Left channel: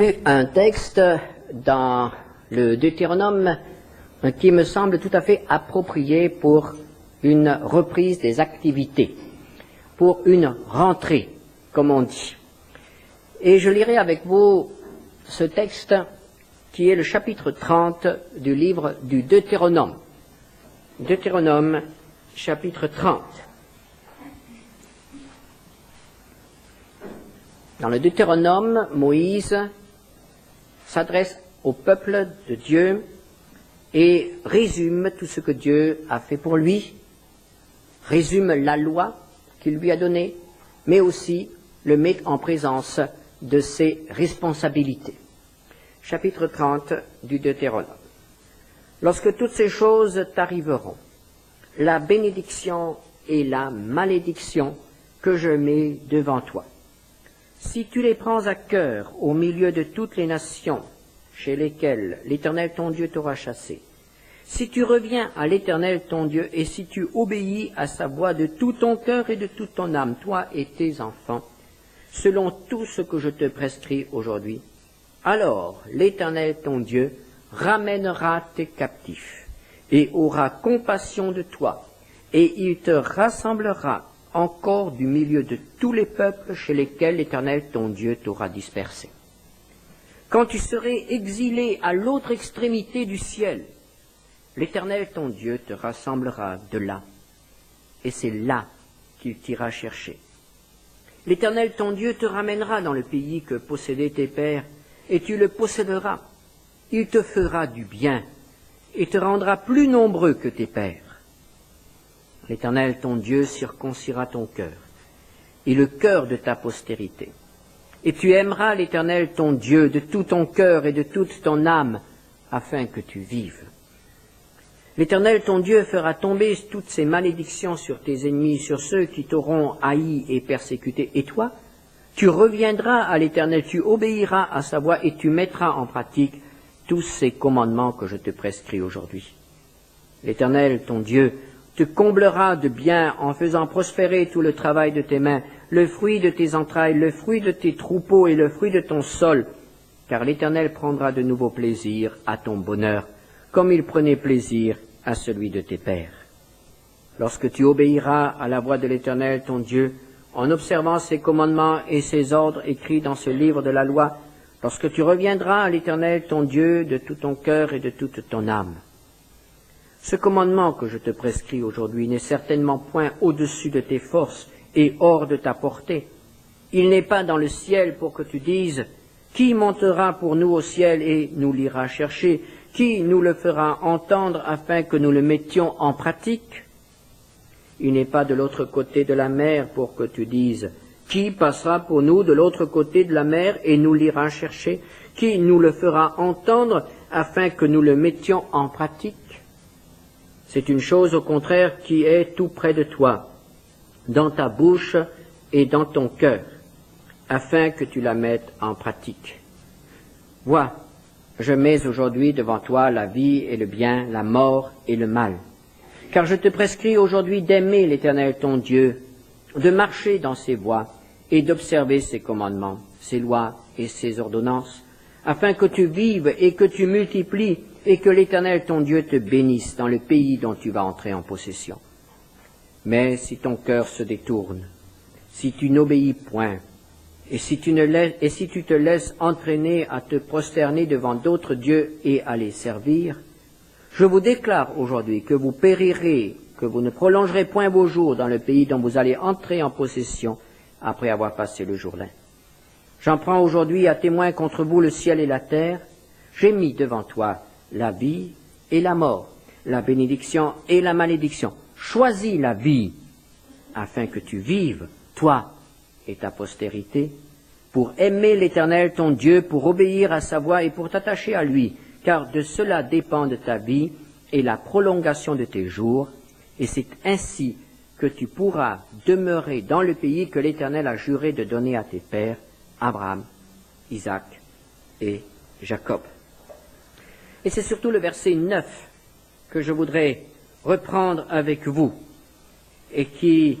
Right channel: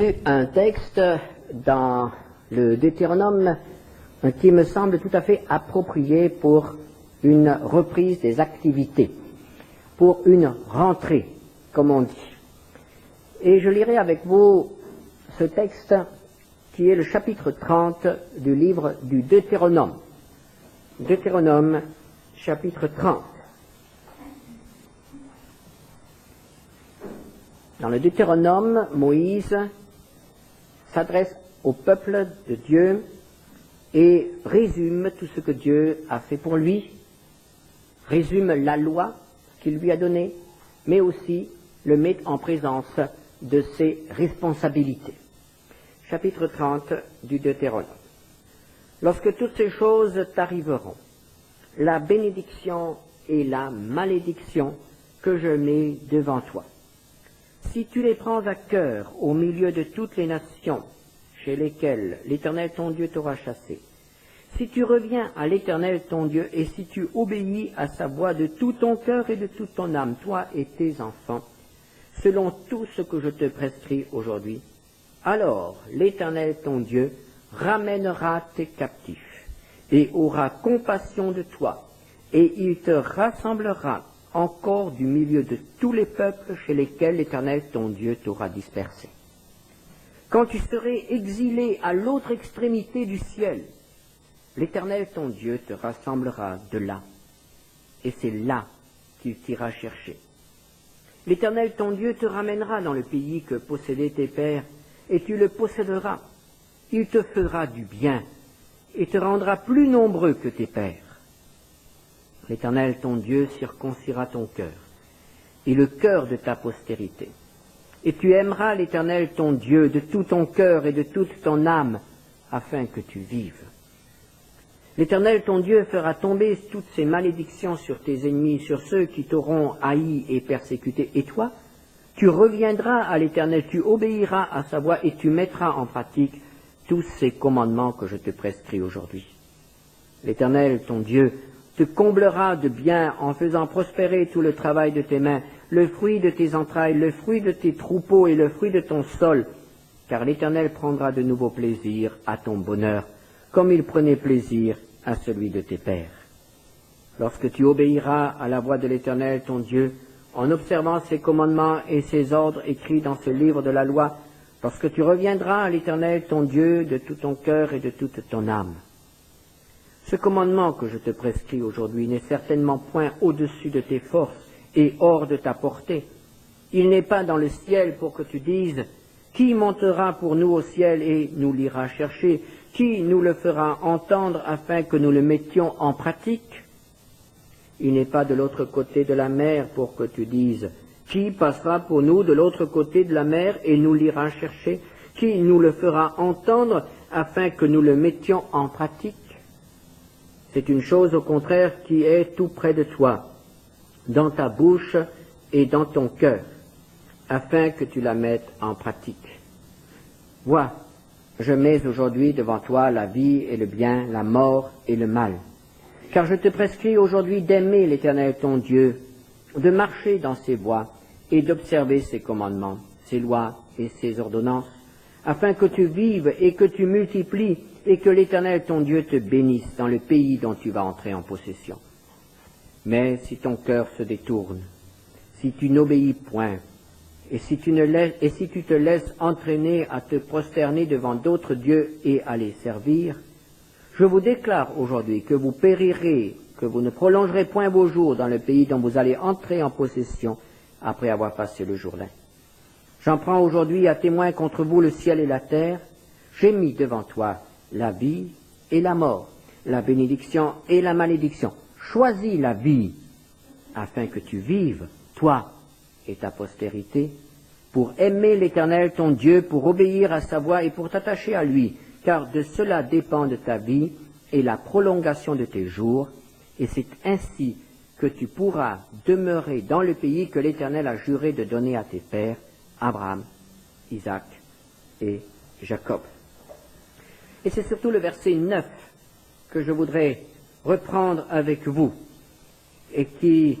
Un texte dans le Deutéronome qui me semble tout à fait approprié pour une reprise des activités, pour une rentrée, comme on dit. Et je lirai avec vous ce texte qui est le chapitre 30 du livre du Deutéronome. Deutéronome, chapitre 30. Dans le Deutéronome, Moïse s'adresse au peuple de Dieu et résume tout ce que Dieu a fait pour lui, résume la loi qu'il lui a donnée, mais aussi le met en présence de ses responsabilités. Chapitre 30 du Deutéronome. Lorsque toutes ces choses t'arriveront, la bénédiction et la malédiction que je mets devant toi, si tu les prends à cœur au milieu de toutes les nations chez lesquelles l'Éternel ton Dieu t'aura chassé, si tu reviens à l'Éternel ton Dieu et si tu obéis à sa voix de tout ton cœur et de toute ton âme, toi et tes enfants, selon tout ce que je te prescris aujourd'hui, alors l'Éternel ton Dieu ramènera tes captifs et aura compassion de toi, et il te rassemblera encore du milieu de tous les peuples chez lesquels l'Éternel ton Dieu t'aura dispersé. Quand tu serais exilé à l'autre extrémité du ciel, l'Éternel ton Dieu te rassemblera de là, et c'est là qu'il t'ira chercher. L'Éternel ton Dieu te ramènera dans le pays que possédaient tes pères, et tu le posséderas. Il te fera du bien, et te rendra plus nombreux que tes pères. L'Éternel ton Dieu circoncira ton cœur, et le cœur de ta postérité. Et tu aimeras l'Éternel ton Dieu de tout ton cœur et de toute ton âme, afin que tu vives. L'Éternel ton Dieu fera tomber toutes ces malédictions sur tes ennemis, sur ceux qui t'auront haï et persécuté. Et toi, tu reviendras à l'Éternel, tu obéiras à sa voix et tu mettras en pratique tous ces commandements que je te prescris aujourd'hui. L'Éternel ton Dieu te comblera de bien en faisant prospérer tout le travail de tes mains, le fruit de tes entrailles, le fruit de tes troupeaux et le fruit de ton sol, car l'Éternel prendra de nouveaux plaisirs à ton bonheur, comme il prenait plaisir à celui de tes pères. Lorsque tu obéiras à la voix de l'Éternel ton Dieu, en observant ses commandements et ses ordres écrits dans ce livre de la loi, lorsque tu reviendras à l'Éternel ton Dieu de tout ton cœur et de toute ton âme. Ce commandement que je te prescris aujourd'hui n'est certainement point au-dessus de tes forces et hors de ta portée. Il n'est pas dans le ciel pour que tu dises « Qui montera pour nous au ciel et nous l'ira chercher ? Qui nous le fera entendre afin que nous le mettions en pratique ?» Il n'est pas de l'autre côté de la mer pour que tu dises « Qui passera pour nous de l'autre côté de la mer et nous l'ira chercher ? Qui nous le fera entendre afin que nous le mettions en pratique ?» C'est une chose au contraire qui est tout près de toi, dans ta bouche et dans ton cœur, afin que tu la mettes en pratique. Vois, je mets aujourd'hui devant toi la vie et le bien, la mort et le mal. Car je te prescris aujourd'hui d'aimer l'Éternel ton Dieu, de marcher dans ses voies et d'observer ses commandements, ses lois et ses ordonnances, afin que tu vives et que tu multiplies et que l'Éternel ton Dieu te bénisse dans le pays dont tu vas entrer en possession. Mais si ton cœur se détourne, si tu n'obéis point, et si tu te laisses entraîner à te prosterner devant d'autres dieux et à les servir, je vous déclare aujourd'hui que vous périrez, que vous ne prolongerez point vos jours dans le pays dont vous allez entrer en possession après avoir passé le Jourdain. J'en prends aujourd'hui à témoin contre vous le ciel et la terre. J'ai mis devant toi la vie et la mort, la bénédiction et la malédiction. Choisis la vie, afin que tu vives, toi et ta postérité, pour aimer l'Éternel ton Dieu, pour obéir à sa voix et pour t'attacher à lui, car de cela dépend de ta vie et la prolongation de tes jours, et c'est ainsi que tu pourras demeurer dans le pays que l'Éternel a juré de donner à tes pères, Abraham, Isaac et Jacob. Et c'est surtout le verset 9 que je voudrais reprendre avec vous et qui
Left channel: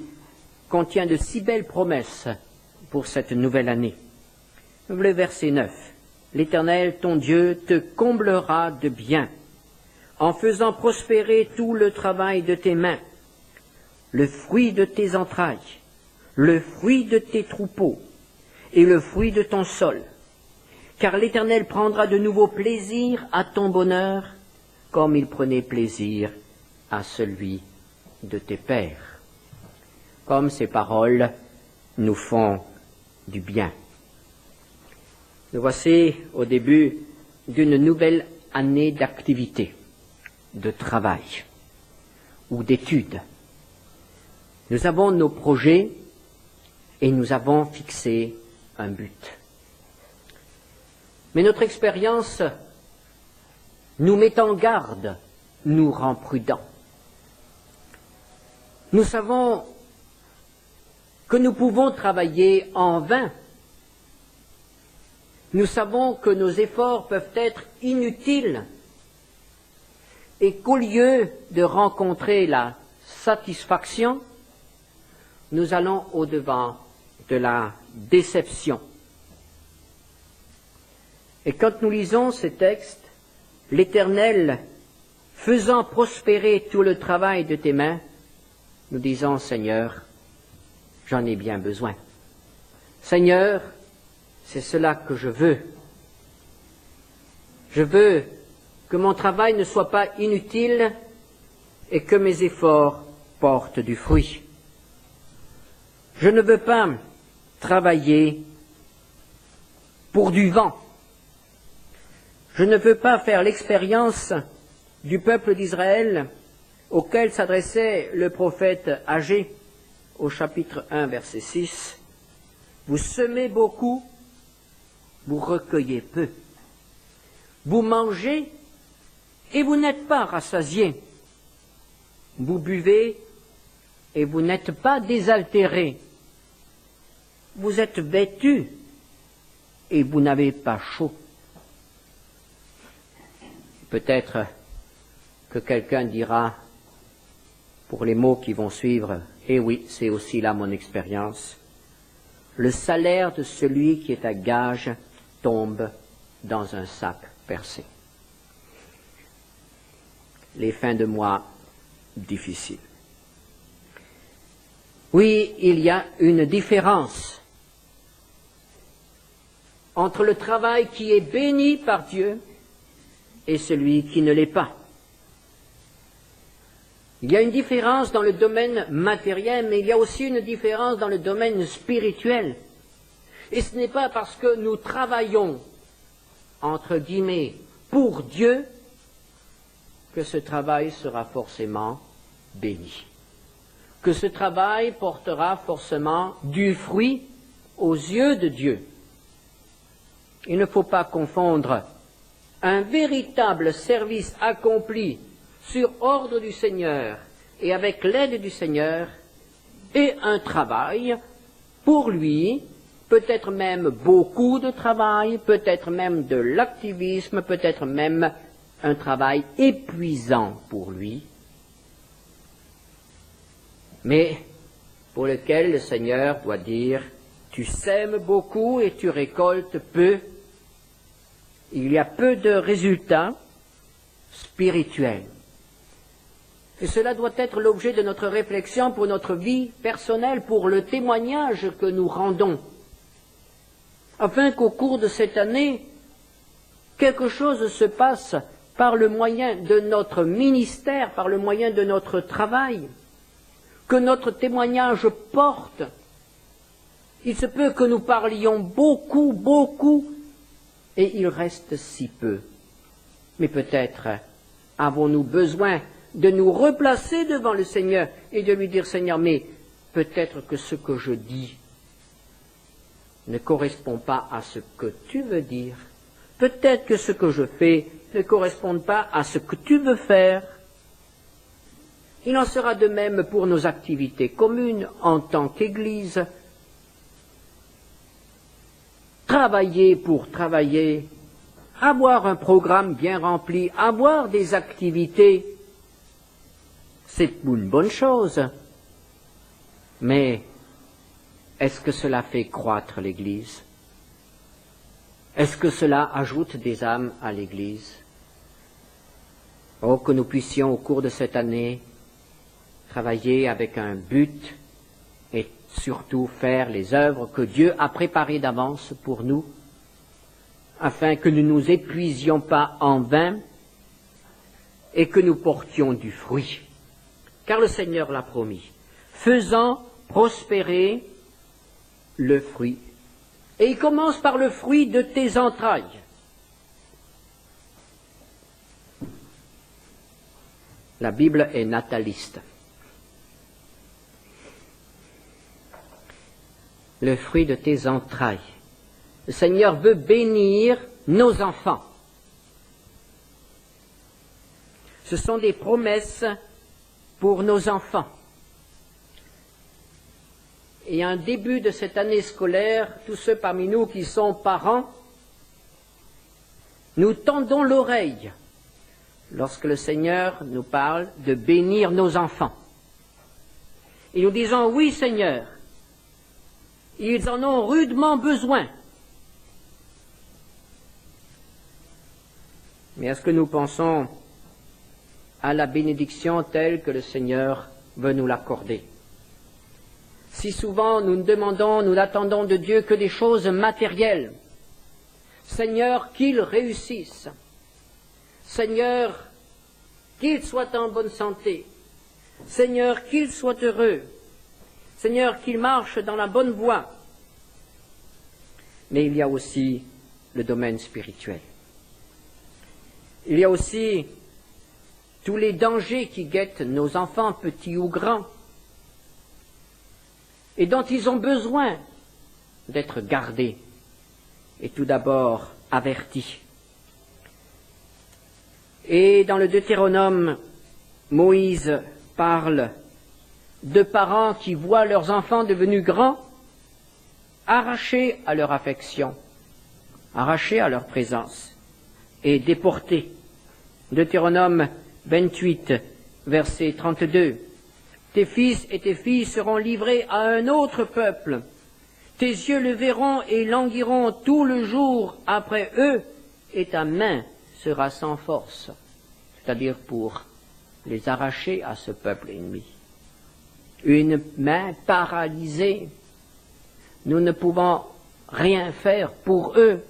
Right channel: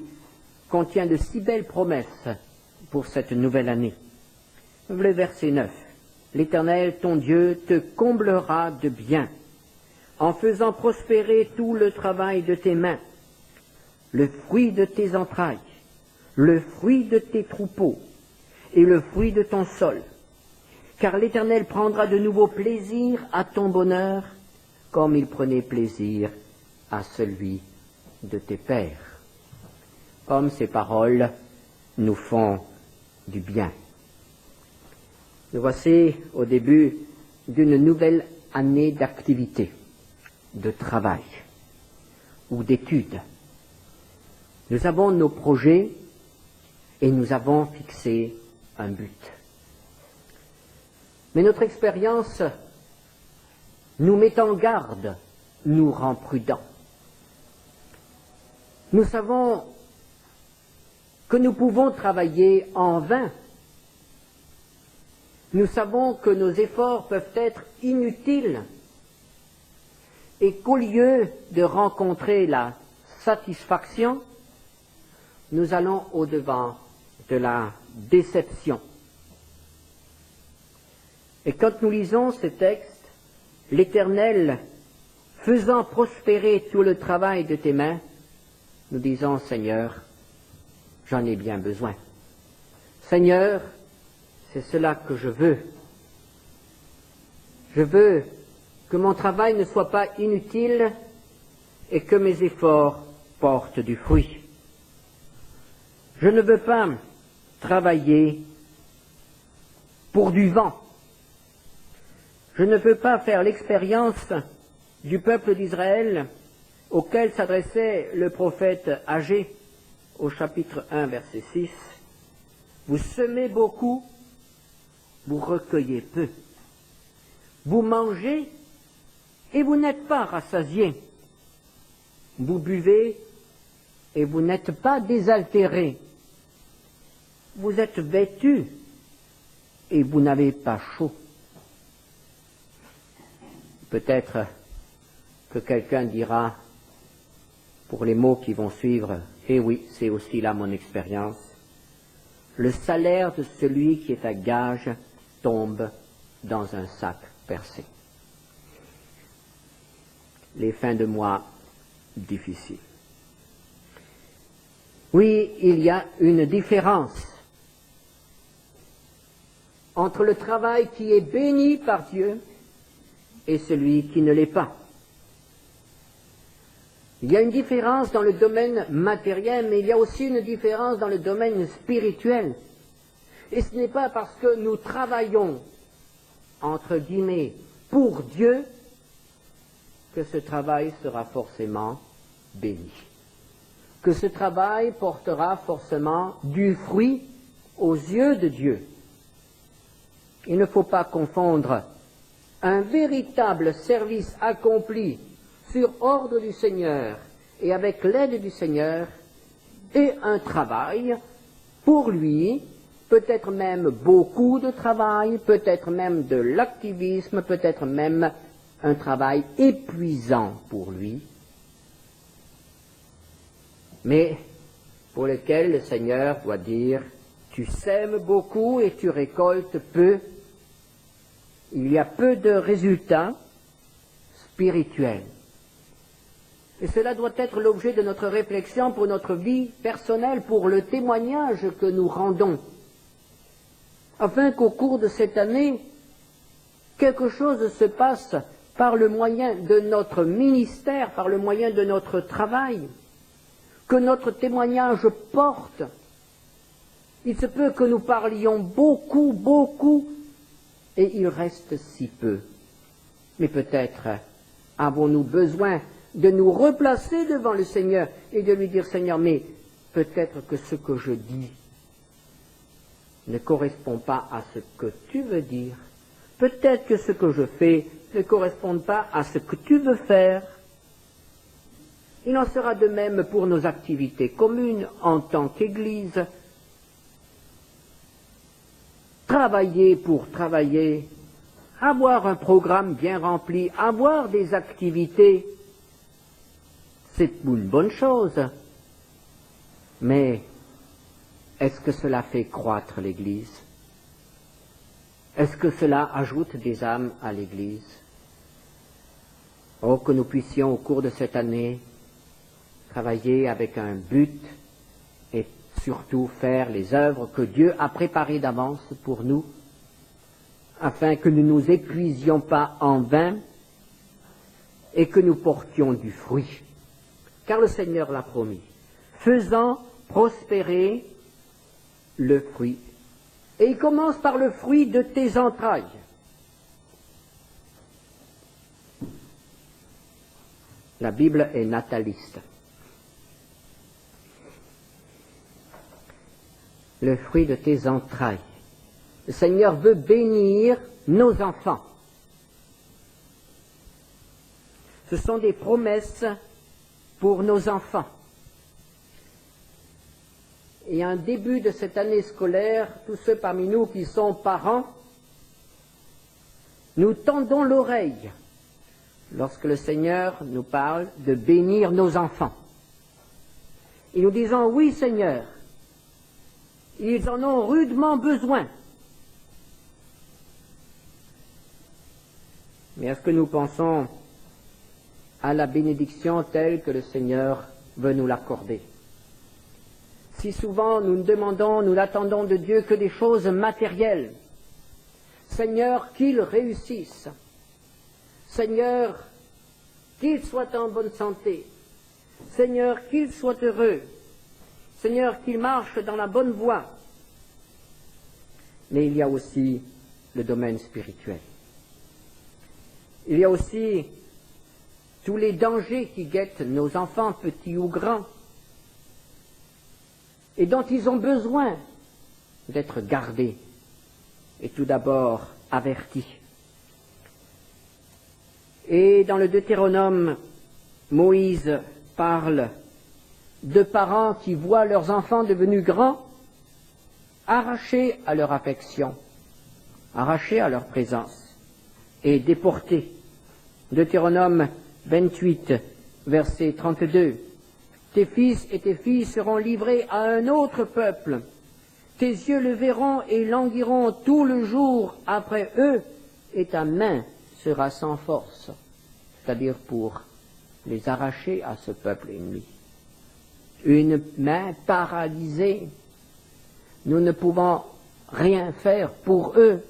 contient de si belles promesses pour cette nouvelle année. Le verset 9. l'Éternel, ton Dieu, te comblera de bien, en faisant prospérer tout le travail de tes mains, le fruit de tes entrailles, le fruit de tes troupeaux et le fruit de ton sol. Car l'Éternel prendra de nouveau plaisir à ton bonheur, comme il prenait plaisir à celui de tes pères. Comme ces paroles nous font du bien. Nous voici au début d'une nouvelle année d'activité, de travail ou d'études. Nous avons nos projets et nous avons fixé un but. Mais notre expérience nous met en garde, nous rend prudents. Nous savons que nous pouvons travailler en vain. Nous savons que nos efforts peuvent être inutiles et qu'au lieu de rencontrer la satisfaction, nous allons au-devant de la déception. Et quand nous lisons ces textes, l'Éternel faisant prospérer tout le travail de tes mains, nous disons, Seigneur, j'en ai bien besoin. Seigneur, c'est cela que je veux. Je veux que mon travail ne soit pas inutile et que mes efforts portent du fruit. Je ne veux pas travailler pour du vent. Je ne veux pas faire l'expérience du peuple d'Israël auquel s'adressait le prophète Agé au chapitre 1, verset 6. Vous semez beaucoup, vous recueillez peu. Vous mangez et vous n'êtes pas rassasiés. Vous buvez et vous n'êtes pas désaltérés. Vous êtes vêtus et vous n'avez pas chaud. Peut-être que quelqu'un dira, pour les mots qui vont suivre, eh oui, c'est aussi là mon expérience, le salaire de celui qui est à gage tombe dans un sac percé. Les fins de mois difficiles. Oui, il y a une différence entre le travail qui est béni par Dieu et celui qui ne l'est pas. Il y a une différence dans le domaine matériel, mais il y a aussi une différence dans le domaine spirituel. Et ce n'est pas parce que nous travaillons, entre guillemets, pour Dieu, que ce travail sera forcément béni. Que ce travail portera forcément du fruit aux yeux de Dieu. Il ne faut pas confondre un véritable service accompli sur ordre du Seigneur et avec l'aide du Seigneur et un travail pour lui, peut-être même beaucoup de travail, peut-être même de l'activisme, peut-être même un travail épuisant pour lui, mais pour lequel le Seigneur doit dire « Tu sèmes beaucoup et tu récoltes peu ». Il y a peu de résultats spirituels. Et cela doit être l'objet de notre réflexion pour notre vie personnelle, pour le témoignage que nous rendons, afin qu'au cours de cette année, quelque chose se passe par le moyen de notre ministère, par le moyen de notre travail, que notre témoignage porte. Il se peut que nous parlions beaucoup, beaucoup, et il reste si peu. Mais peut-être avons-nous besoin de nous replacer devant le Seigneur et de lui dire, Seigneur, mais peut-être que ce que je dis ne correspond pas à ce que tu veux dire. Peut-être que ce que je fais ne correspond pas à ce que tu veux faire. Il en sera de même pour nos activités communes en tant qu'Église. Travailler pour travailler, avoir un programme bien rempli, avoir des activités, c'est une bonne chose. Mais est-ce que cela fait croître l'Église? Est-ce que cela ajoute des âmes à l'Église? Oh, que nous puissions, au cours de cette année, travailler avec un but et surtout faire les œuvres que Dieu a préparées d'avance pour nous, afin que nous ne nous épuisions pas en vain et que nous portions du fruit. Car le Seigneur l'a promis, faisant prospérer le fruit. Et il commence par le fruit de tes entrailles. La Bible est nataliste. Le fruit de tes entrailles. Le Seigneur veut bénir nos enfants. Ce sont des promesses pour nos enfants. Et en début de cette année scolaire, tous ceux parmi nous qui sont parents, nous tendons l'oreille lorsque le Seigneur nous parle de bénir nos enfants. Et nous disons, oui Seigneur, ils en ont rudement besoin. Mais est-ce que nous pensons à la bénédiction telle que le Seigneur veut nous l'accorder? Si souvent nous ne demandons, nous n'attendons de Dieu que des choses matérielles. Seigneur, qu'il réussisse. Seigneur, qu'il soit en bonne santé. Seigneur, qu'il soit heureux. Seigneur, qu'il marche dans la bonne voie. Mais il y a aussi le domaine spirituel. Il y a aussi tous les dangers qui guettent nos enfants, petits ou grands, et dont ils ont besoin d'être gardés et tout d'abord avertis. Et dans le Deutéronome, Moïse parle de parents qui voient leurs enfants devenus grands, arrachés à leur affection, arrachés à leur présence et déportés. Deutéronome 28, verset 32. Tes fils et tes filles seront livrés à un autre peuple. Tes yeux le verront et languiront tout le jour après eux, et ta main sera sans force, c'est-à-dire pour les arracher à ce peuple ennemi. Une main paralysée. Nous ne pouvons rien faire pour eux.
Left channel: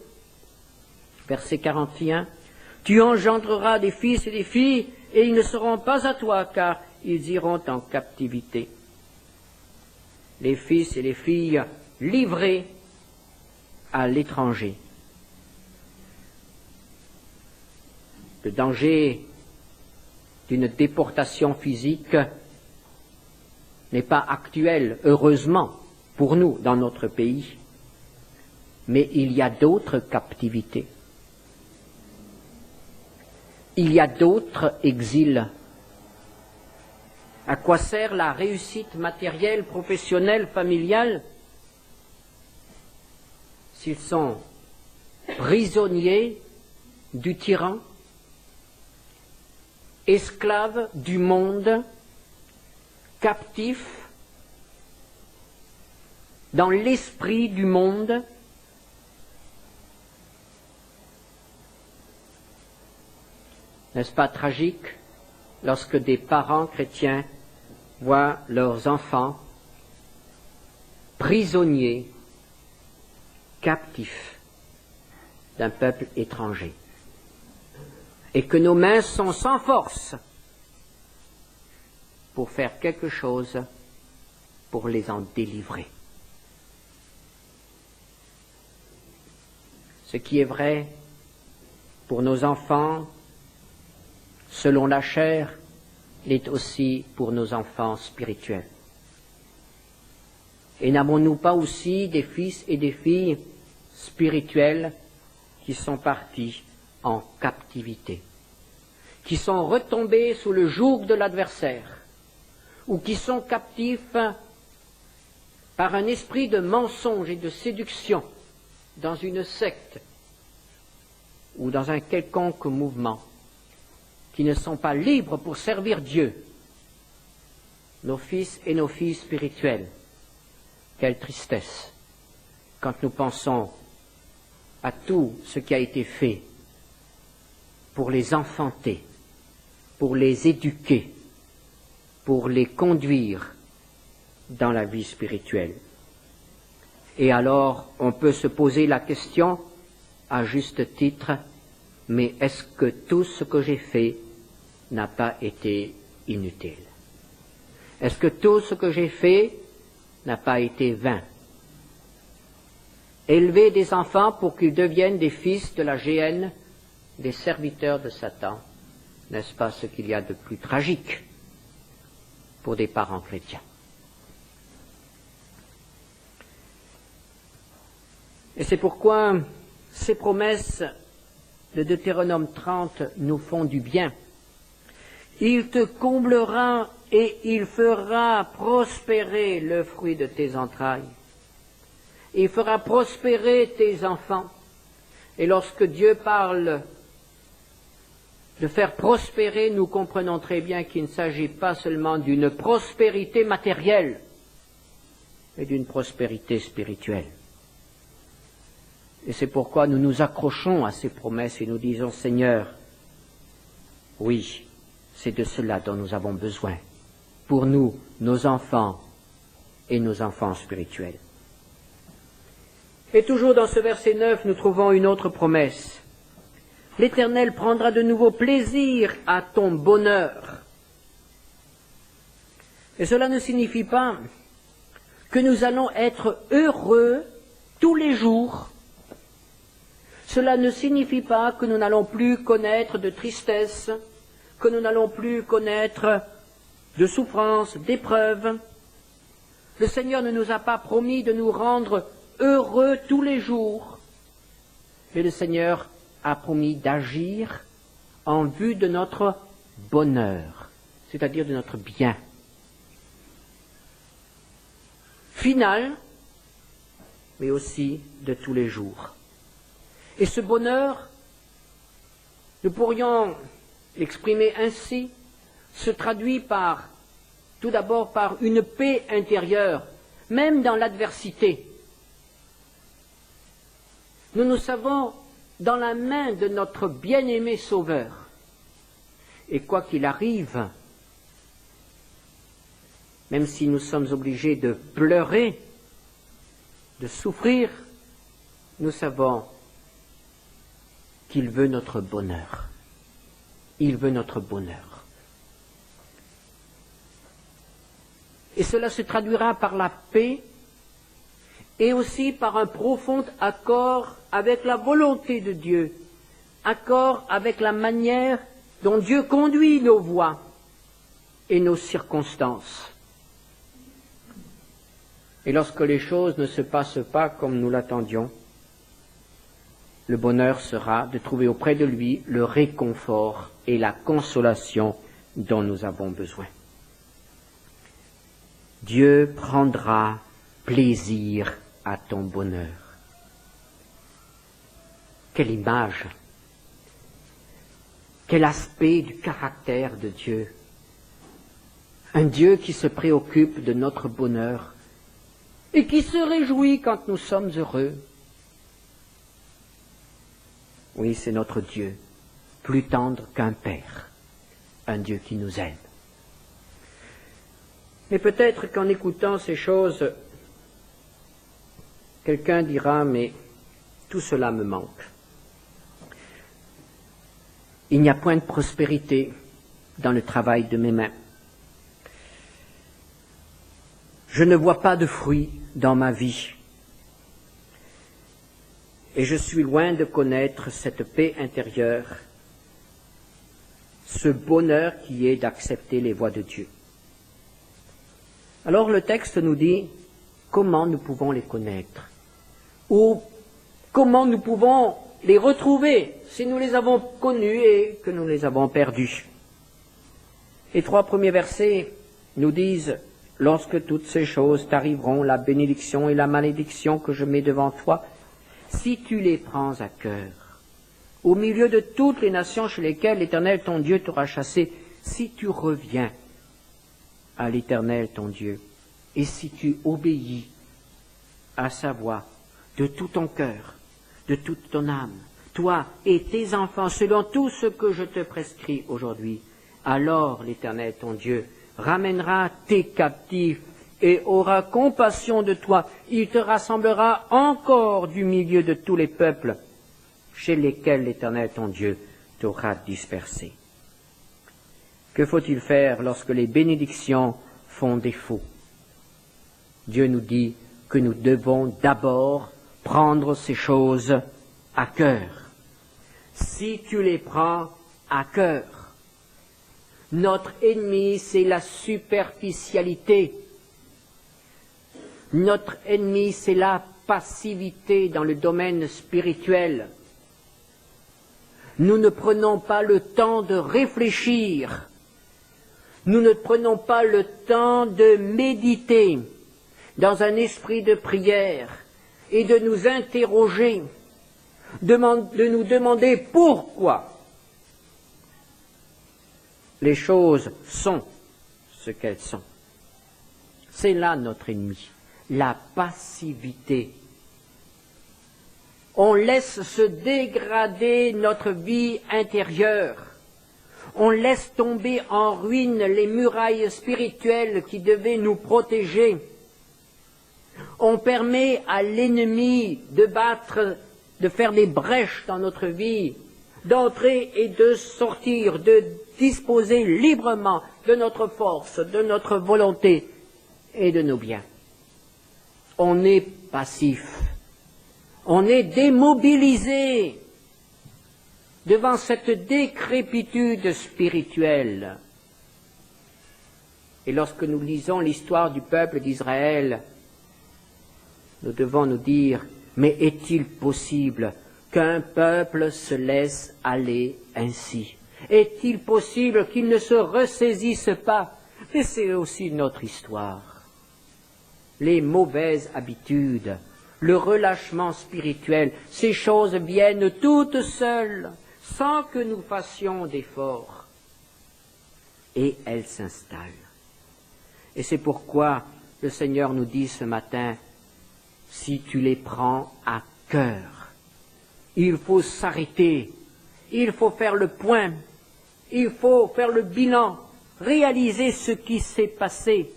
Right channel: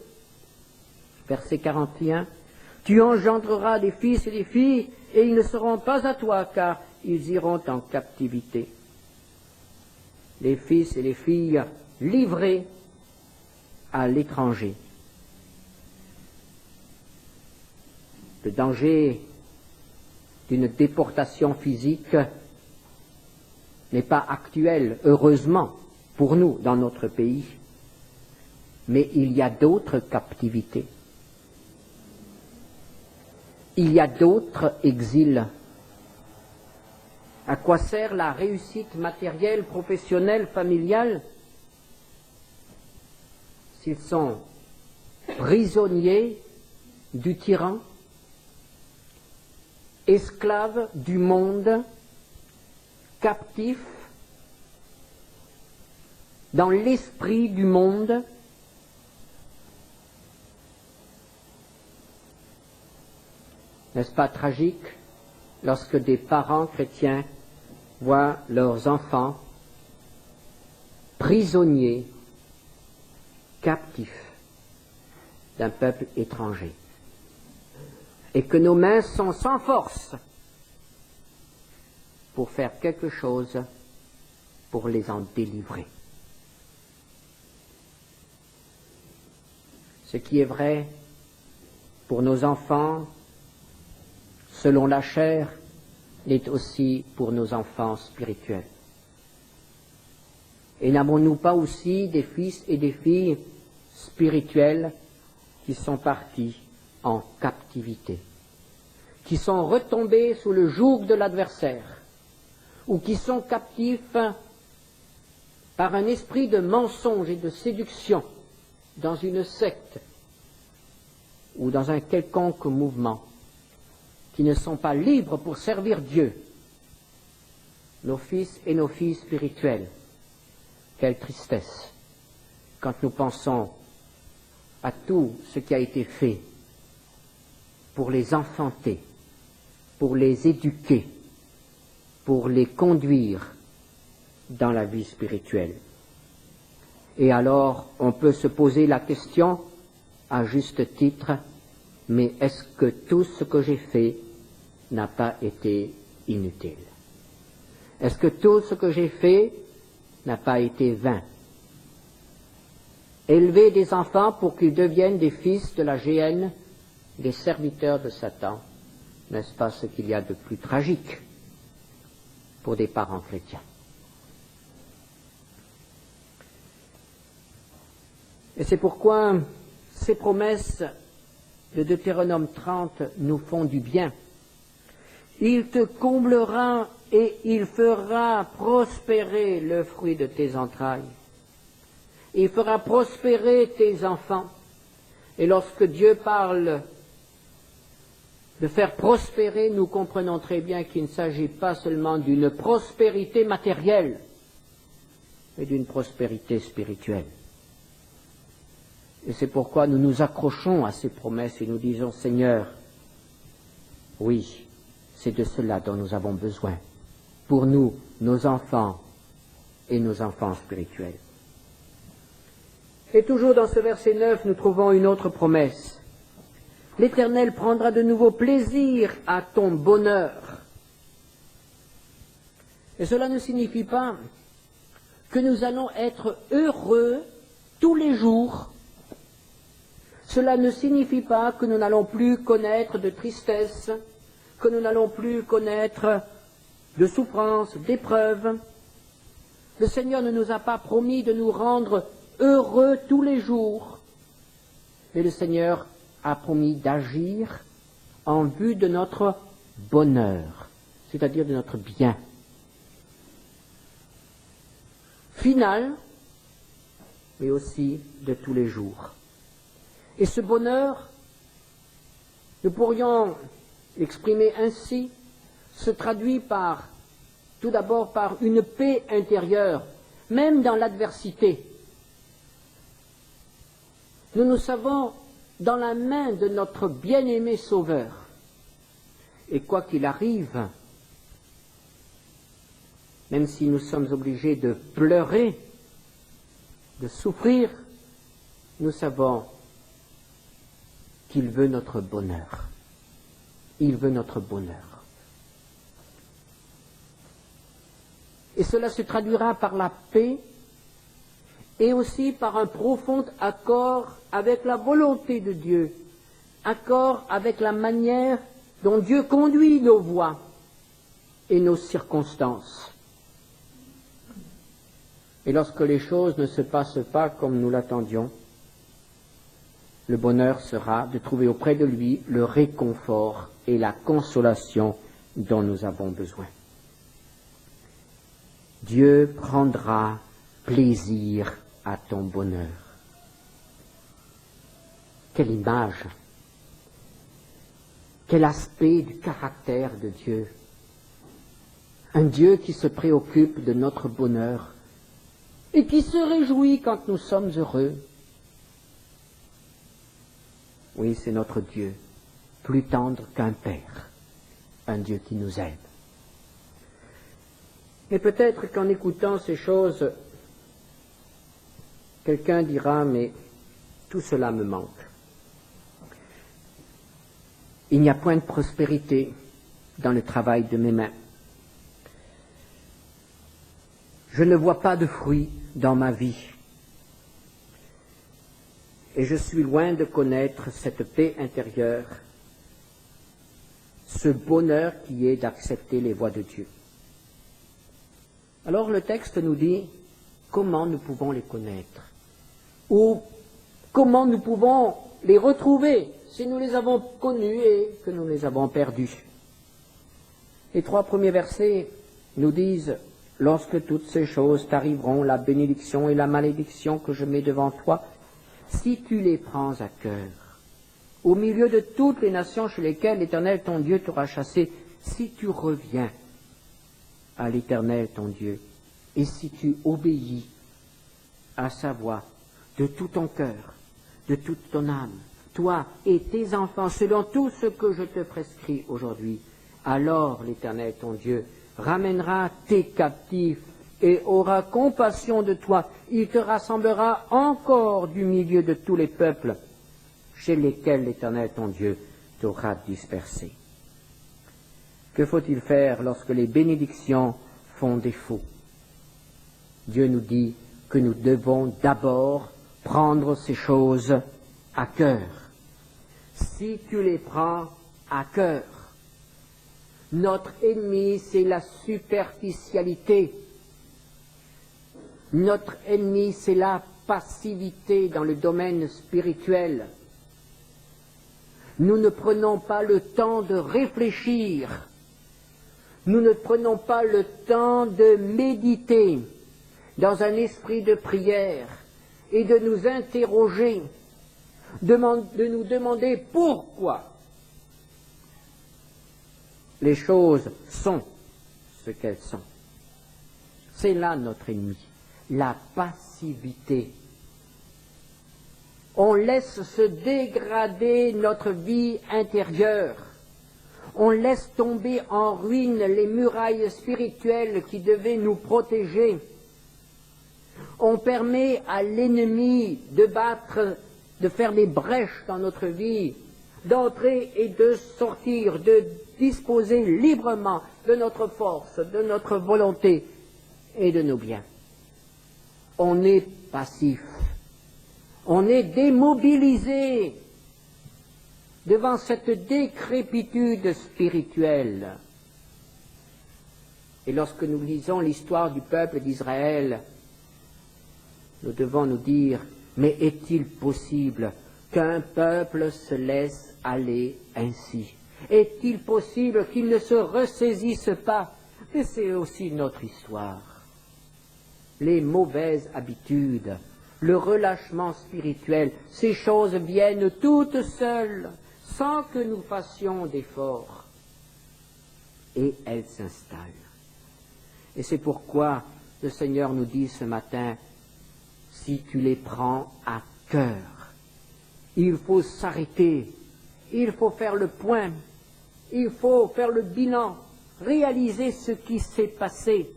Verset 41. Tu engendreras des fils et des filles, et ils ne seront pas à toi, car ils iront en captivité. Les fils et les filles livrés à l'étranger. Le danger d'une déportation physique n'est pas actuel, heureusement, pour nous, dans notre pays, mais il y a d'autres captivités. Il y a d'autres exils. À quoi sert la réussite matérielle, professionnelle, familiale, s'ils sont prisonniers du tyran, esclaves du monde, captifs dans l'esprit du monde? N'est-ce pas tragique lorsque des parents chrétiens voient leurs enfants prisonniers, captifs d'un peuple étranger, et que nos mains sont sans force pour faire quelque chose pour les en délivrer. Ce qui est vrai pour nos enfants, selon la chair, l'est aussi pour nos enfants spirituels. Et n'avons-nous pas aussi des fils et des filles spirituels qui sont partis en captivité, qui sont retombés sous le joug de l'adversaire, ou qui sont captifs par un esprit de mensonge et de séduction dans une secte ou dans un quelconque mouvement, qui ne sont pas libres pour servir Dieu, nos fils et nos filles spirituels. Quelle tristesse quand nous pensons à tout ce qui a été fait pour les enfanter, pour les éduquer, pour les conduire dans la vie spirituelle. Et alors, on peut se poser la question, à juste titre, mais est-ce que tout ce que j'ai fait n'a pas été inutile? Est-ce que tout ce que j'ai fait n'a pas été vain? Élever des enfants pour qu'ils deviennent des fils de la géhenne, des serviteurs de Satan, n'est-ce pas ce qu'il y a de plus tragique pour des parents chrétiens? Et c'est pourquoi ces promesses de Deutéronome 30 nous font du bien. Il te comblera et il fera prospérer le fruit de tes entrailles. Il fera prospérer tes enfants. Et lorsque Dieu parle de faire prospérer, nous comprenons très bien qu'il ne s'agit pas seulement d'une prospérité matérielle, mais d'une prospérité spirituelle. Et c'est pourquoi nous nous accrochons à ces promesses et nous disons, Seigneur, oui, c'est de cela dont nous avons besoin, pour nous, nos enfants et nos enfants spirituels. Et toujours dans ce verset 9, nous trouvons une autre promesse. L'Éternel prendra de nouveau plaisir à ton bonheur. Et cela ne signifie pas que nous allons être heureux tous les jours. Cela ne signifie pas que nous n'allons plus connaître de tristesse, que nous n'allons plus connaître de souffrance, d'épreuves. Le Seigneur ne nous a pas promis de nous rendre heureux tous les jours, mais le Seigneur a promis d'agir en vue de notre bonheur, c'est-à-dire de notre bien final, mais aussi de tous les jours. Et ce bonheur, nous pourrions l'exprimer ainsi, se traduit tout d'abord par une paix intérieure, même dans l'adversité. Nous nous savons dans la main de notre bien-aimé Sauveur. Et quoi qu'il arrive, même si nous sommes obligés de pleurer, de souffrir, nous savons qu'il veut notre bonheur. Il veut notre bonheur. Et cela se traduira par la paix et aussi par un profond accord avec la volonté de Dieu, accord avec la manière dont Dieu conduit nos voies et nos circonstances. Et lorsque les choses ne se passent pas comme nous l'attendions, le bonheur sera de trouver auprès de lui le réconfort et la consolation dont nous avons besoin. Dieu prendra plaisir à ton bonheur. Quelle image, quel aspect du caractère de Dieu. Un Dieu qui se préoccupe de notre bonheur et qui se réjouit quand nous sommes heureux. Oui, c'est notre Dieu, plus tendre qu'un père, un Dieu qui nous aime. Mais peut-être qu'en écoutant ces choses, quelqu'un dira, mais tout cela me manque. Il n'y a point de prospérité dans le travail de mes mains. Je ne vois pas de fruits dans ma vie. Et je suis loin de connaître cette paix intérieure, ce bonheur qui est d'accepter les voies de Dieu. Alors le texte nous dit comment nous pouvons les connaître, ou comment nous pouvons les retrouver si nous les avons connus et que nous les avons perdus. Les 3 premiers versets nous disent « Lorsque toutes ces choses t'arriveront, la bénédiction et la malédiction que je mets devant toi, si tu les prends à cœur, au milieu de toutes les nations chez lesquelles l'Éternel ton Dieu t'aura chassé, si tu reviens à l'Éternel ton Dieu, et si tu obéis à sa voix de tout ton cœur, de toute ton âme, toi et tes enfants, selon tout ce que je te prescris aujourd'hui. Alors l'Éternel, ton Dieu, ramènera tes captifs et aura compassion de toi. Il te rassemblera encore du milieu de tous les peuples chez lesquels l'Éternel, ton Dieu, t'aura dispersé. Que faut-il faire lorsque les bénédictions font défaut? Dieu nous dit que nous devons d'abord prendre ces choses à cœur. Si tu les prends à cœur, notre ennemi, c'est la superficialité. Notre ennemi, c'est la passivité dans le domaine spirituel. Nous ne prenons pas le temps de réfléchir. Nous ne prenons pas le temps de méditer dans un esprit de prière et de nous interroger, de nous demander pourquoi les choses sont ce qu'elles sont. C'est là notre ennemi, la passivité. On laisse se dégrader notre vie intérieure. On laisse tomber en ruine les murailles spirituelles qui devaient nous protéger. On permet à l'ennemi de faire des brèches dans notre vie, d'entrer et de sortir, de disposer librement de notre force, de notre volonté et de nos biens. On est passif, on est démobilisé devant cette décrépitude spirituelle. Et lorsque nous lisons l'histoire du peuple d'Israël, nous devons nous dire, mais est-il possible qu'un peuple se laisse aller ainsi? Est-il possible qu'il ne se ressaisisse pas? Mais c'est aussi notre histoire. Les mauvaises habitudes, le relâchement spirituel, ces choses viennent toutes seules, sans que nous fassions d'efforts. Et elles s'installent. Et c'est pourquoi le Seigneur nous dit ce matin, si tu les prends à cœur, il faut s'arrêter, il faut faire le point, il faut faire le bilan, réaliser ce qui s'est passé.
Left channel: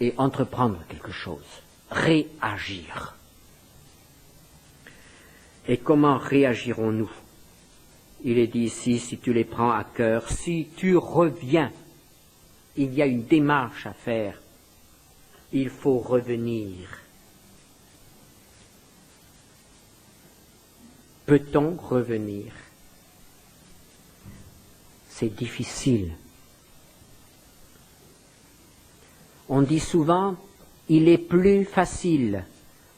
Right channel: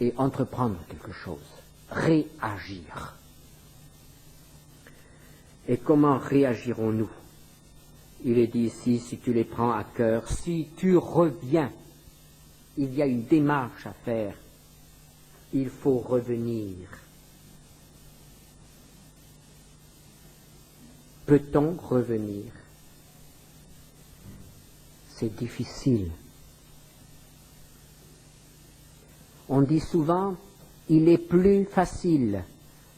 Et entreprendre quelque chose, réagir. Et comment réagirons-nous? Il est dit ici, si tu les prends à cœur, si tu reviens, il y a une démarche à faire. Il faut revenir. Peut-on revenir? C'est difficile. On dit souvent, il est plus facile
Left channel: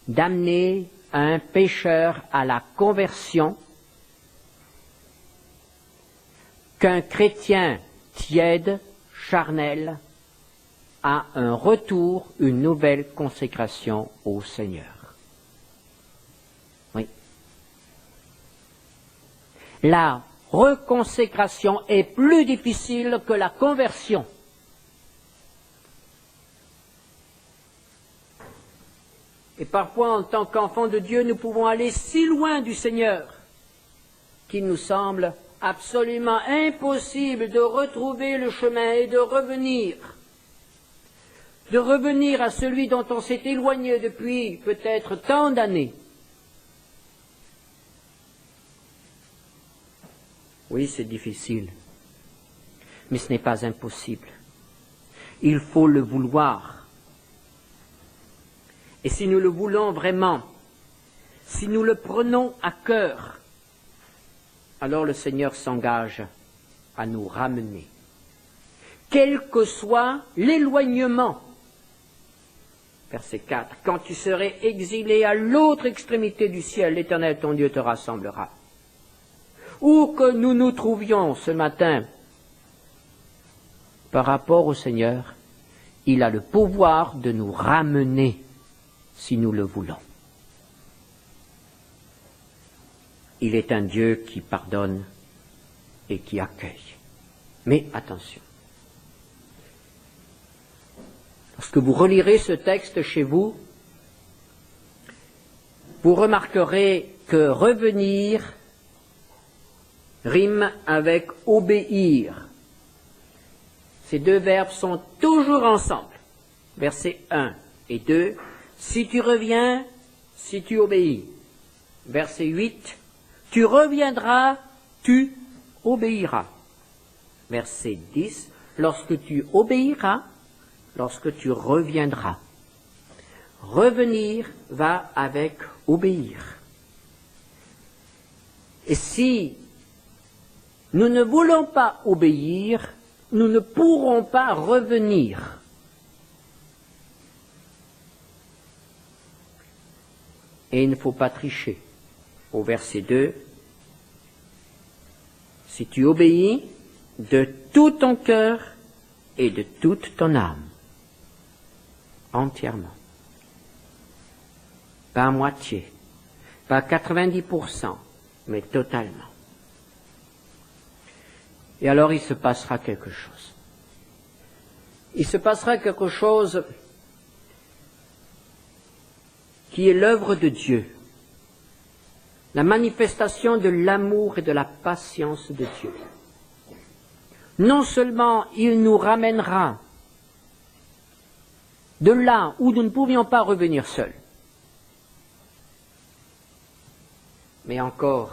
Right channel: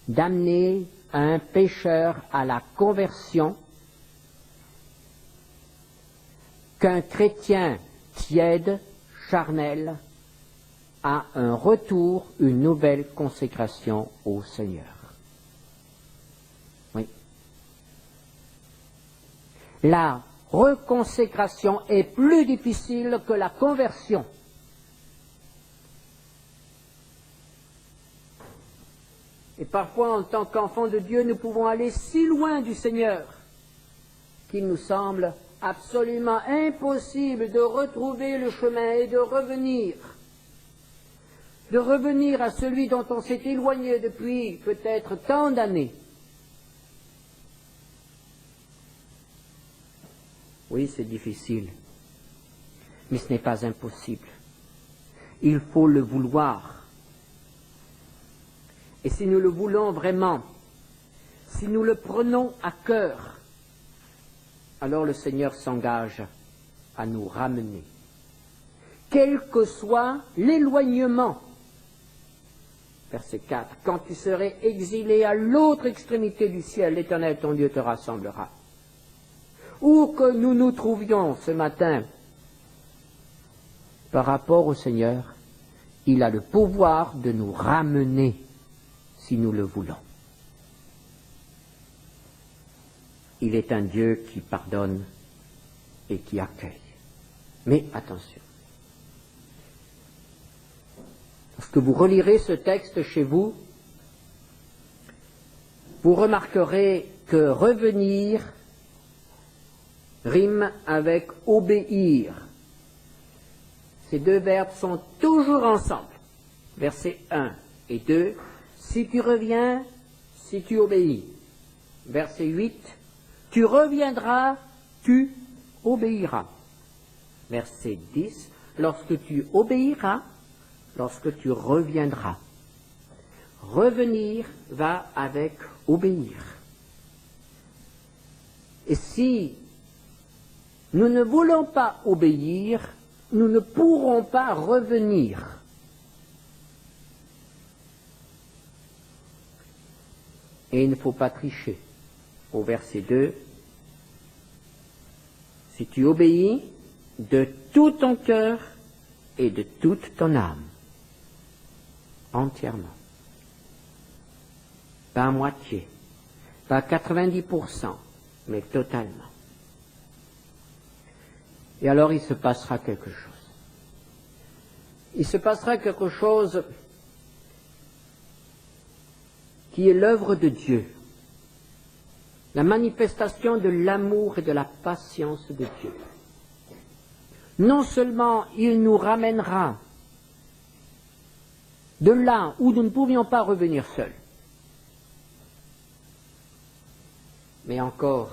d'amener un pécheur à la conversion qu'un chrétien tiède, charnel, à un retour, une nouvelle consécration au Seigneur. Oui. La reconsécration est plus difficile que la conversion. Et parfois, en tant qu'enfants de Dieu, nous pouvons aller si loin du Seigneur qu'il nous semble absolument impossible de retrouver le chemin et de revenir à celui dont on s'est éloigné depuis peut-être tant d'années. Oui, c'est difficile, mais ce n'est pas impossible. Il faut le vouloir. Et si nous le voulons vraiment, si nous le prenons à cœur, alors le Seigneur s'engage à nous ramener. Quel que soit l'éloignement. Verset 4. Quand tu serais exilé à l'autre extrémité du ciel, l'Éternel ton Dieu te rassemblera. Où que nous nous trouvions ce matin, par rapport au Seigneur, il a le pouvoir de nous ramener si nous le voulons. Il est un Dieu qui pardonne et qui accueille. Mais attention, Lorsque vous relirez ce texte chez vous, vous remarquerez que revenir rime avec obéir. Ces deux verbes sont toujours ensemble. Versets 1 et 2. Si tu reviens, si tu obéis. Verset 8. Tu reviendras, tu obéiras. Verset 10. Lorsque tu obéiras, lorsque tu reviendras. Revenir va avec obéir. Et si nous ne voulons pas obéir, nous ne pourrons pas revenir. Et il ne faut pas tricher. Au verset 2, si tu obéis de tout ton cœur et de toute ton âme, entièrement, pas à moitié, pas à 90%, mais totalement. Et alors il se passera quelque chose. Il se passera quelque chose qui est l'œuvre de Dieu, la manifestation de l'amour et de la patience de Dieu. Non seulement il nous ramènera de là où nous ne pouvions pas revenir seuls, mais encore,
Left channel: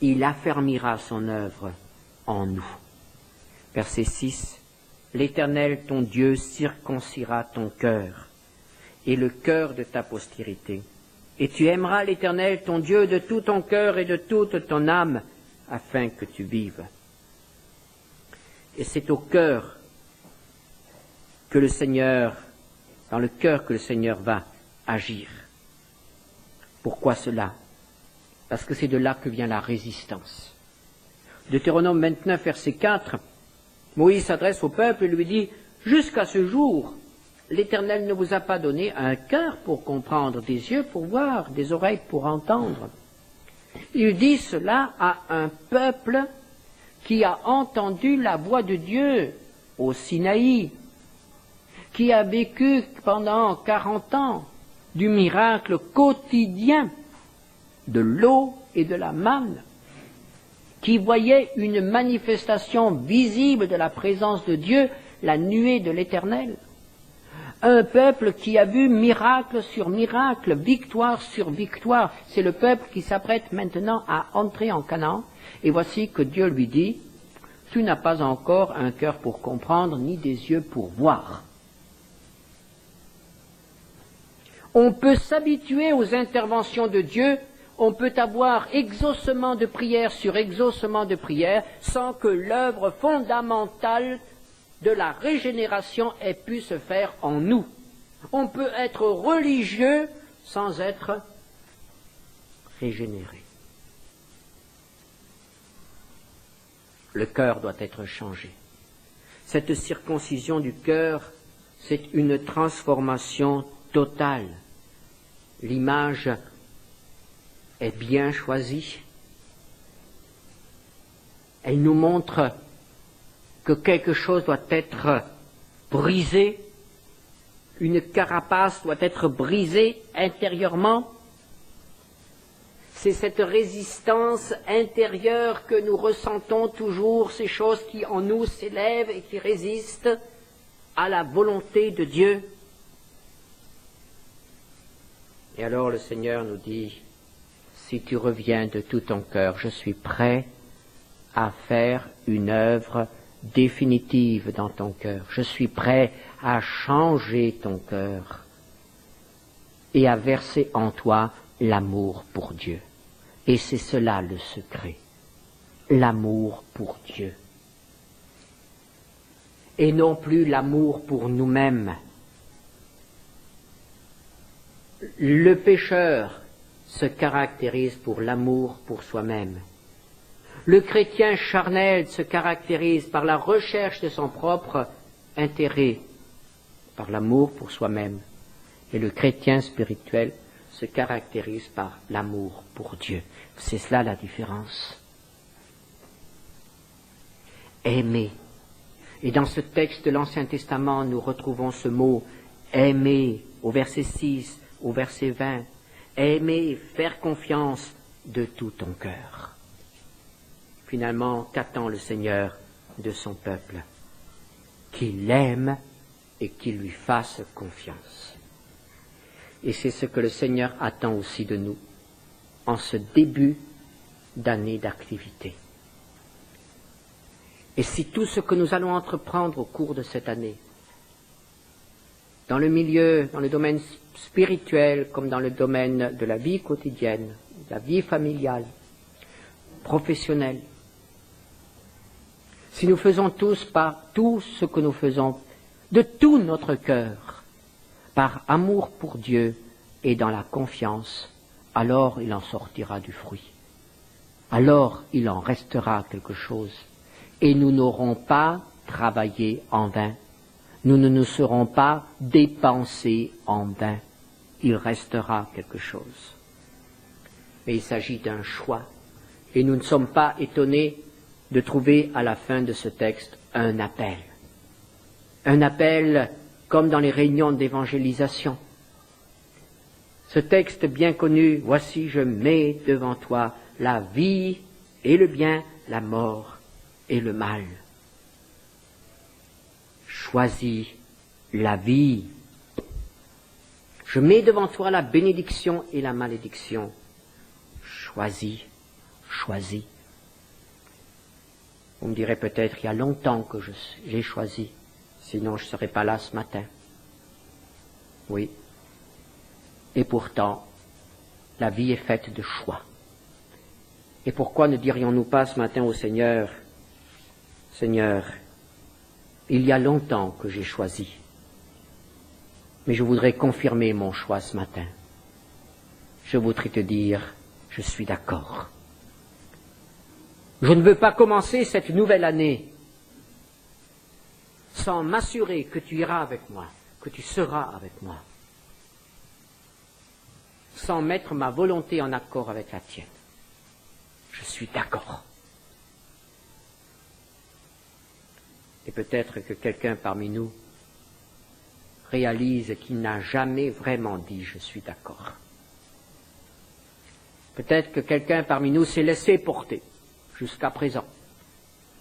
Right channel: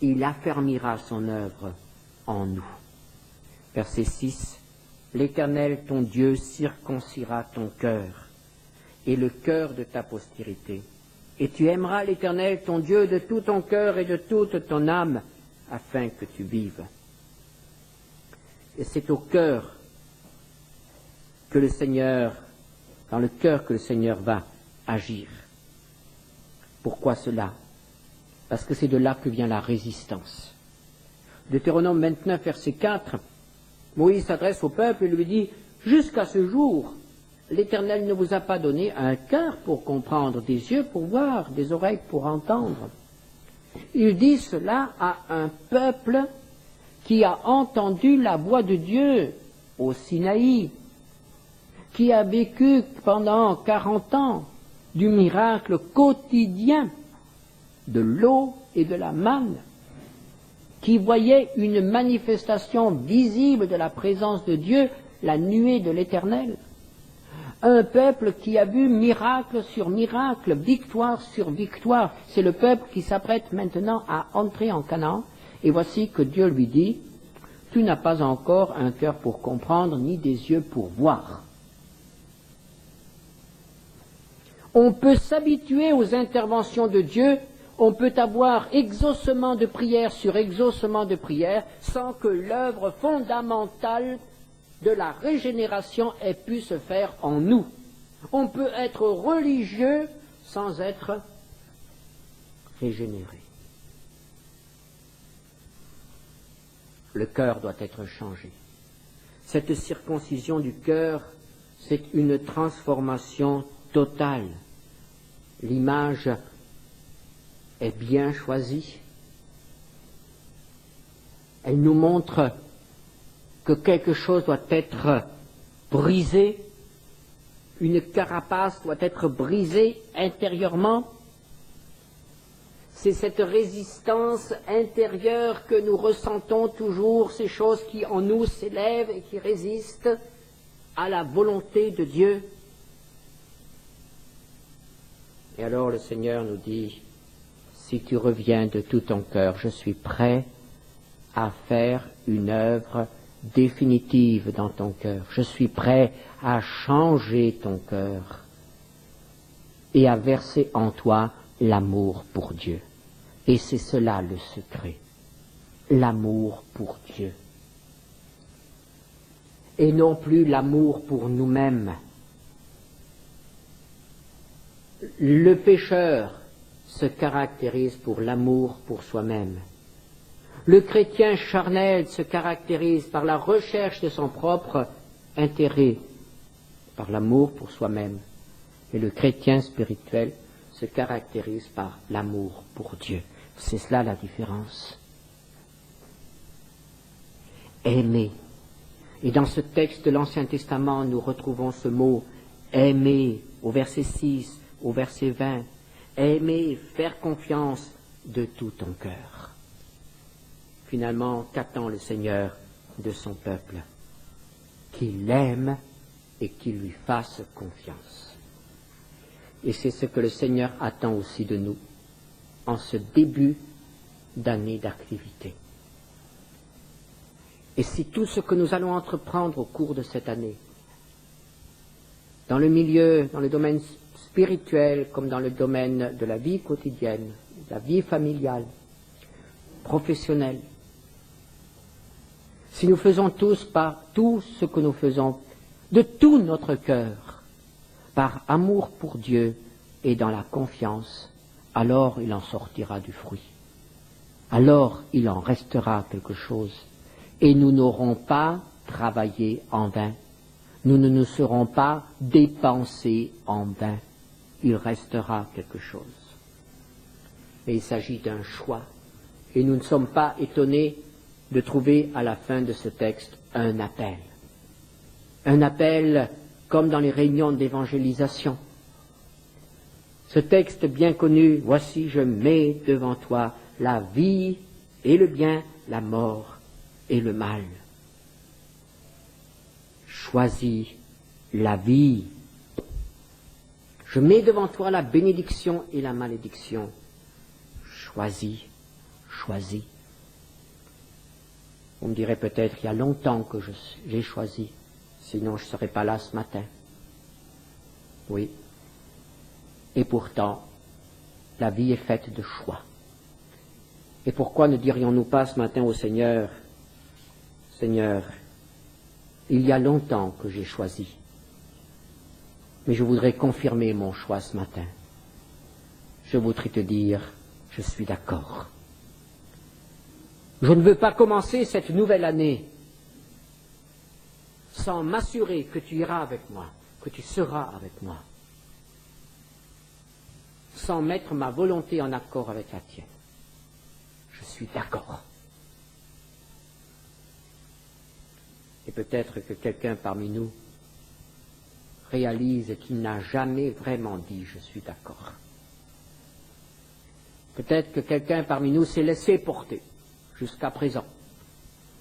il affermira son œuvre en nous. Verset 6, l'Éternel, ton Dieu, circoncira ton cœur et le cœur de ta postérité. Et tu aimeras l'Éternel, ton Dieu, de tout ton cœur et de toute ton âme, afin que tu vives. Et c'est au cœur que le Seigneur, dans le cœur que le Seigneur va agir. Pourquoi cela? Parce que c'est de là que vient la résistance. Deutéronome 29, verset 4, Moïse s'adresse au peuple et lui dit « Jusqu'à ce jour, l'Éternel ne vous a pas donné un cœur pour comprendre, des yeux pour voir, des oreilles pour entendre. » Il dit cela à un peuple qui a entendu la voix de Dieu au Sinaï, qui a vécu pendant 40 ans du miracle quotidien de l'eau et de la manne, qui voyait une manifestation visible de la présence de Dieu, la nuée de l'Éternel. Un peuple qui a vu miracle sur miracle, victoire sur victoire. C'est le peuple qui s'apprête maintenant à entrer en Canaan. Et voici que Dieu lui dit, « Tu n'as pas encore un cœur pour comprendre, ni des yeux pour voir. » On peut s'habituer aux interventions de Dieu, on peut avoir exaucement de prière sur exaucement de prière, sans que l'œuvre fondamentale de la régénération ait pu se faire en nous. On peut être religieux sans être régénéré. Le cœur doit être changé. Cette circoncision du cœur, c'est une transformation totale. L'image est bien choisie. Elle nous montre que quelque chose doit être brisé, une carapace doit être brisée intérieurement. C'est cette résistance intérieure que nous ressentons toujours, ces choses qui en nous s'élèvent et qui résistent à la volonté de Dieu. Et alors le Seigneur nous dit, si tu reviens de tout ton cœur, je suis prêt à faire une œuvre définitive dans ton cœur. Je suis prêt à changer ton cœur et à verser en toi l'amour pour Dieu. Et c'est cela le secret, l'amour pour Dieu. Et non plus l'amour pour nous-mêmes. Le pécheur se caractérise pour l'amour pour soi-même. Le chrétien charnel se caractérise par la recherche de son propre intérêt, par l'amour pour soi-même. Et le chrétien spirituel se caractérise par l'amour pour Dieu. C'est cela la différence. Aimer. Et dans ce texte de l'Ancien Testament, nous retrouvons ce mot aimer, au verset 6, au verset 20, aimer, faire confiance de tout ton cœur. Finalement, qu'attend le Seigneur de son peuple? Qu'il l'aime et qu'il lui fasse confiance. Et c'est ce que le Seigneur attend aussi de nous en ce début d'année d'activité. Et si tout ce que nous allons entreprendre au cours de cette année, dans le milieu, dans le domaine spirituel comme dans le domaine de la vie quotidienne, de la vie familiale, professionnelle, si nous faisons tous par tout ce que nous faisons de tout notre cœur, par amour pour Dieu et dans la confiance, alors il en sortira du fruit. Alors il en restera quelque chose. Et nous n'aurons pas travaillé en vain. Nous ne nous serons pas dépensés en vain. Il restera quelque chose. Mais il s'agit d'un choix. Et nous ne sommes pas étonnés de trouver à la fin de ce texte un appel. Un appel comme dans les réunions d'évangélisation. Ce texte bien connu, « Voici, je mets devant toi la vie et le bien, la mort et le mal. » Choisis la vie. Je mets devant toi la bénédiction et la malédiction. Choisis, choisis. Vous me direz peut-être, il y a longtemps que j'ai choisi, sinon je ne serais pas là ce matin. Oui. Et pourtant, la vie est faite de choix. Et pourquoi ne dirions-nous pas ce matin au Seigneur, « Seigneur, il y a longtemps que j'ai choisi, mais je voudrais confirmer mon choix ce matin. Je voudrais te dire, je suis d'accord. Je ne veux pas commencer cette nouvelle année sans m'assurer que tu iras avec moi, que tu seras avec moi, sans mettre ma volonté en accord avec la tienne. Je suis d'accord. » Et peut-être que quelqu'un parmi nous réalise qu'il n'a jamais vraiment dit « je suis d'accord ». Peut-être que quelqu'un parmi nous s'est laissé porter jusqu'à présent,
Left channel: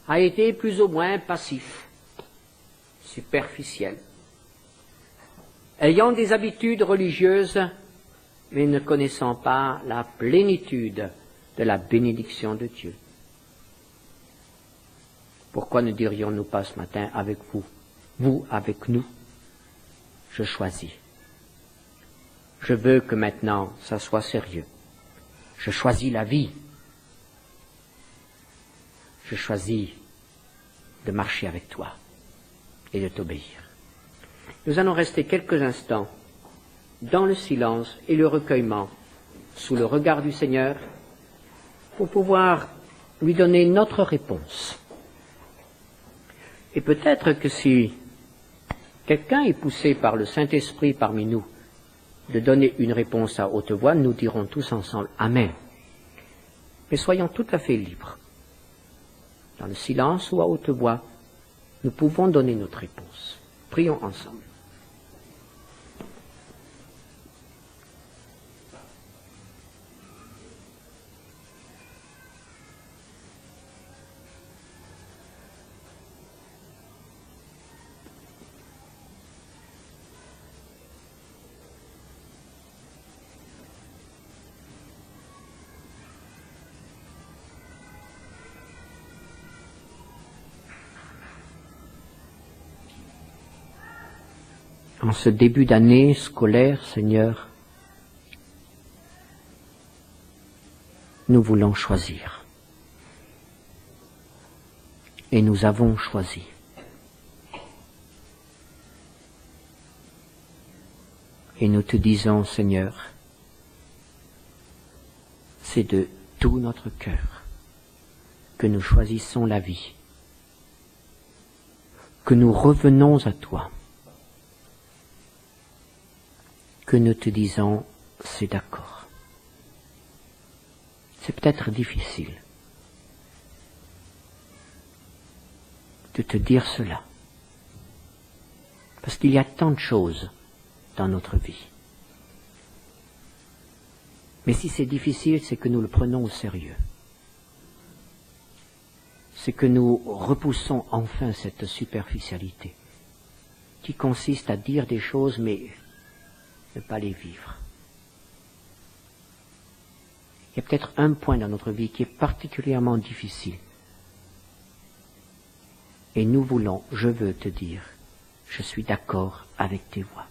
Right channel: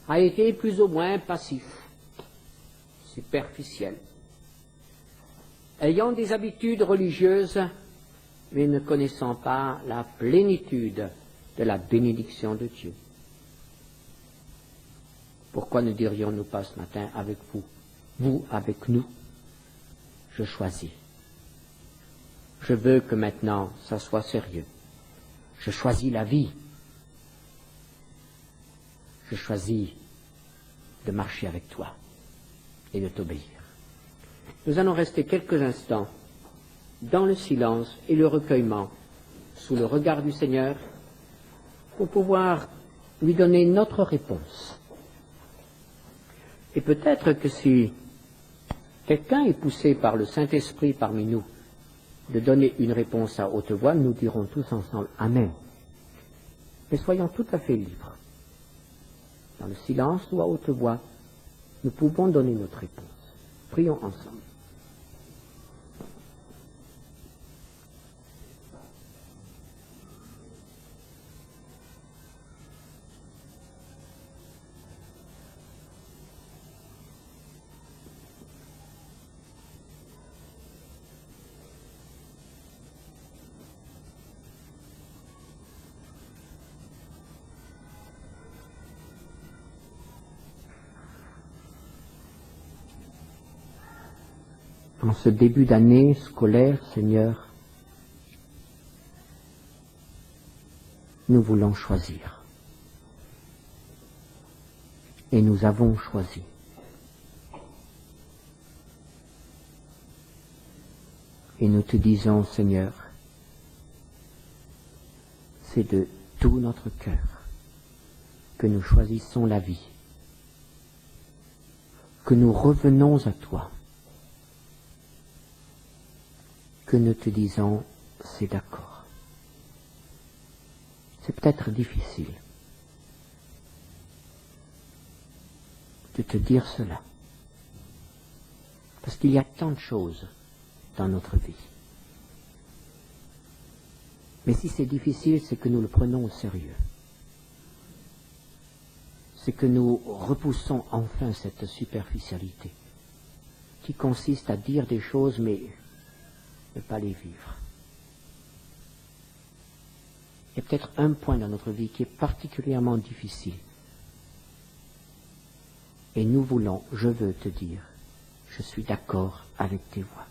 a été plus ou moins passif, superficiel, ayant des habitudes religieuses, mais ne connaissant pas la plénitude de la bénédiction de Dieu. Pourquoi ne dirions-nous pas ce matin avec vous avec nous, je choisis. Je veux que maintenant ça soit sérieux. Je choisis la vie. Je choisis de marcher avec toi et de t'obéir. Nous allons rester quelques instants dans le silence et le recueillement, sous le regard du Seigneur, pour pouvoir lui donner notre réponse. Et peut-être que si quelqu'un est poussé par le Saint-Esprit parmi nous de donner une réponse à haute voix, nous dirons tous ensemble « Amen ». Mais soyons tout à fait libres. Dans le silence ou à haute voix, nous pouvons donner notre réponse. Prions ensemble. En ce début d'année scolaire, Seigneur, nous voulons choisir. Et nous avons choisi. Et nous te disons, Seigneur, c'est de tout notre cœur que nous choisissons la vie, que nous revenons à toi, que nous te disons, c'est d'accord. C'est peut-être difficile de te dire cela, parce qu'il y a tant de choses dans notre vie. Mais si c'est difficile, c'est que nous le prenons au sérieux. C'est que nous repoussons enfin cette superficialité qui consiste à dire des choses mais ne pas les vivre. Il y a peut-être un point dans notre vie qui est particulièrement difficile. Et nous voulons, je veux te dire, je suis d'accord avec tes voix.